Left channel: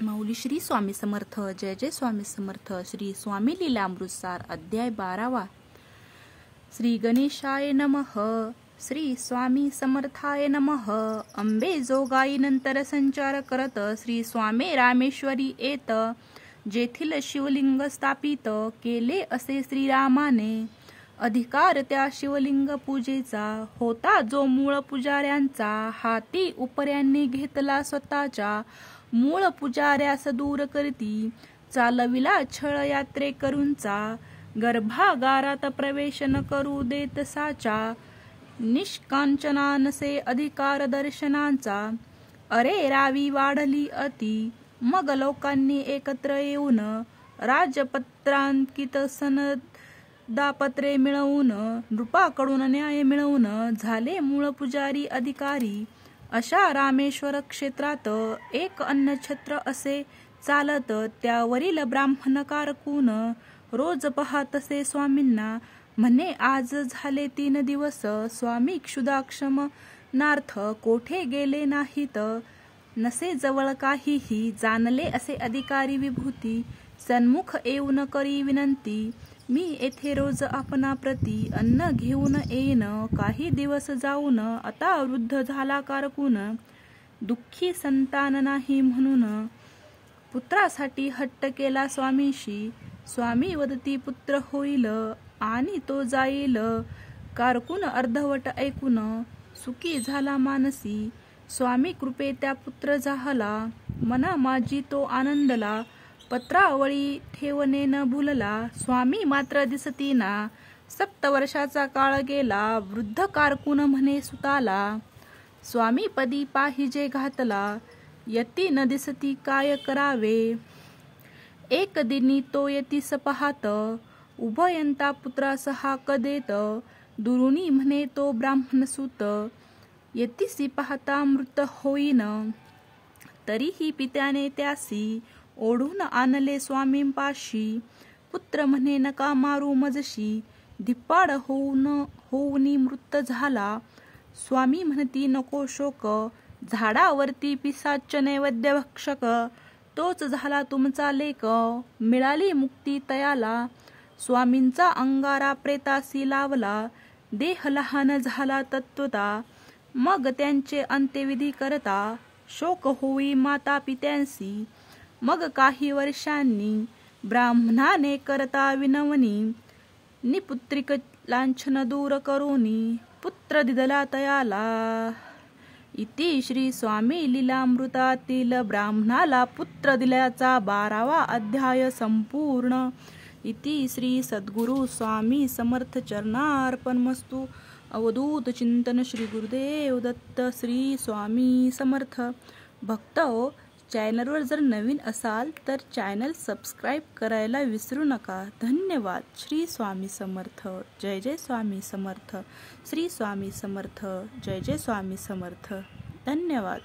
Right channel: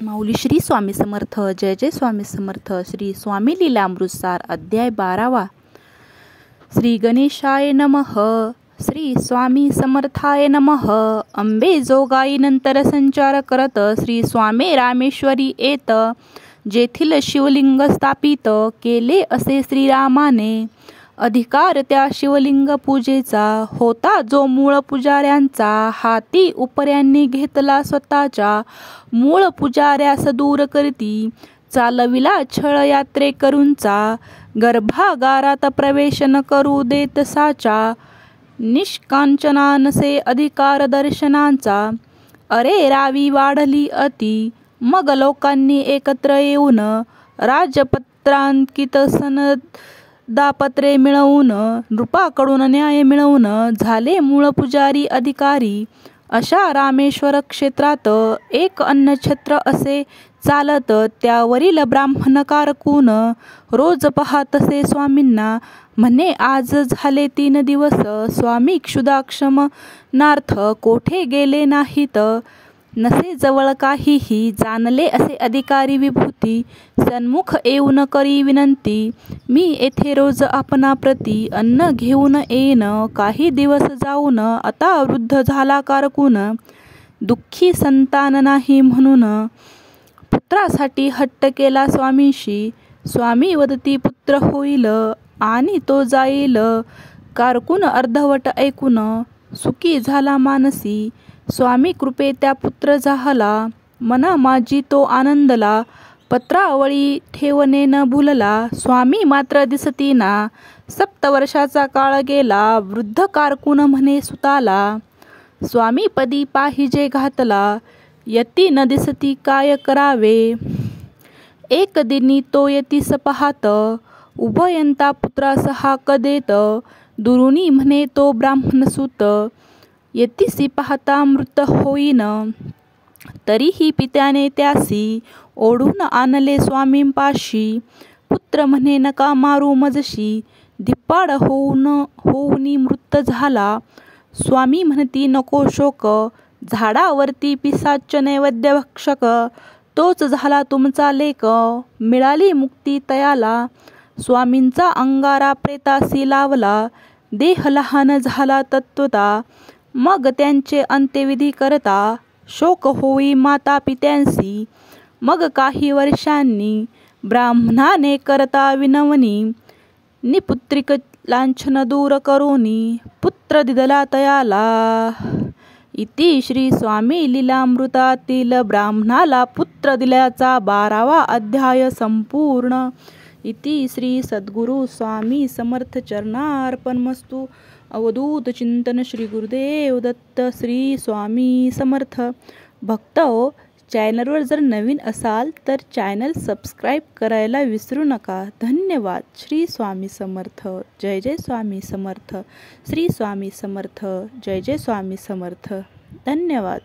माऊली श्री स्वामी समर्थ. जय जय स्वामी समर्थ. श्री स्वामी लीलामृतसार अध्याय 12वा. श्री गणेशाय नमः. श्री स्वामी समर्थाय नमः. अंबे जोगाई नंतर संचार करत श्री स्वामी रामेश्वरी येत. जेथील शिवलिंग स्थापित केले असे श्रीरामाने. अधिकार त्या शिवलिंग पूजेचा होता जो मूळ पुजाऱ्यांचा. हाती उपऱ्यांनी घेतला स्वतःच्या. मूळ पुजाऱ्यास दूर करती चालविला छळ यात्रेकरूंचा. गर्भागारात प्रवेश न करू देत साचा. निष्कांचना नसे अधिकार दर्शनांचा. अरे रावी वाढली अति. मग लोकांनी एकत्र येऊन राजपत्रांकित सनदापत्रे मिळवून नृपाकडून न्याय मिळवून झाले मूळ पुजारी अधिकारी. अशा रामेश्वर क्षेत्रात एक अन्नछत्र असे चालत. त्यावरील ब्राह्मण कारकून रोज पाहतसे स्वामींना. म्हणे आज झाले 3 दिवस स्वामी क्षुधाक्षमनार्थ कोठे गेले नाहीत. नसे जवळ काहीही. जाणले असे अधिकारी विभूती. सन्मुख येऊन करी विनंती. मी येथे रोज आपणाप्रती अन्न घेऊन येईन. काही दिवस जाऊन आता वृद्ध झाला कारकून. दुःखी संतान नाही म्हणून पुत्रासाठी हट्ट केला स्वामींशी. स्वामी वदती पुत्र होईल आणि तो जाईल. कारकून अर्धवट ऐकून सुखी झाला मानसी. स्वामी कृपे त्या पुत्र झाला. मना माझी तो आनंदला. पत्रावळी ठेवणे न भूलला. स्वामी मात्र दिसतीना. 7 वर्षाचा काळ गेला. वृद्ध कारकून म्हणे सुताला. स्वामी पदी पाहिजे घातला. यती न दिसती काय करावे. एक दिनी तो यतीस पाहात. उभयंता पुत्रास हाक देत. दुरुनी म्हणे तो ब्राह्मणसूत. यतीसी पाहता मृत होईन. तरीही पित्याने त्यासी ओढून आणले स्वामींपाशी. पुत्र म्हणे नका मारू मजशी. धिप्पाड होऊनी मृत झाला. स्वामी म्हणती नको शोक. झाडावरती पिसाच नैवेद्य भक्षक. तोच झाला तुमचा लेक. मिळाली मुक्ती तयाला. स्वामींचा अंगारा प्रेतासी लावला. देह लहान झाला तत्वता. मग त्यांचे अंत्यविधी करता शोक होई माता पित्यांसी. मग काही वर्षांनी ब्राह्मणाने करता विनवणी. निपुत्रिक लांछन दूर करोनी पुत्र दिदला तयाला. इति श्री स्वामी लीलामृतातील ब्राह्मणाला पुत्र दिल्याचा 12वा अध्याय संपूर्ण. इति श्री सद्गुरु स्वामी समर्थ चरणार्पणमस्तु. अवधूत चिंतन श्री गुरुदेव दत्त. श्री स्वामी समर्थ. भक्त हो, चॅनलवर जर नवीन असाल तर चॅनल सबस्क्राईब करायला विसरू नका. धन्यवाद. श्री स्वामी समर्थ. जय जय स्वामी समर्थ. श्री स्वामी समर्थ. जय जय स्वामी समर्थ. धन्यवाद.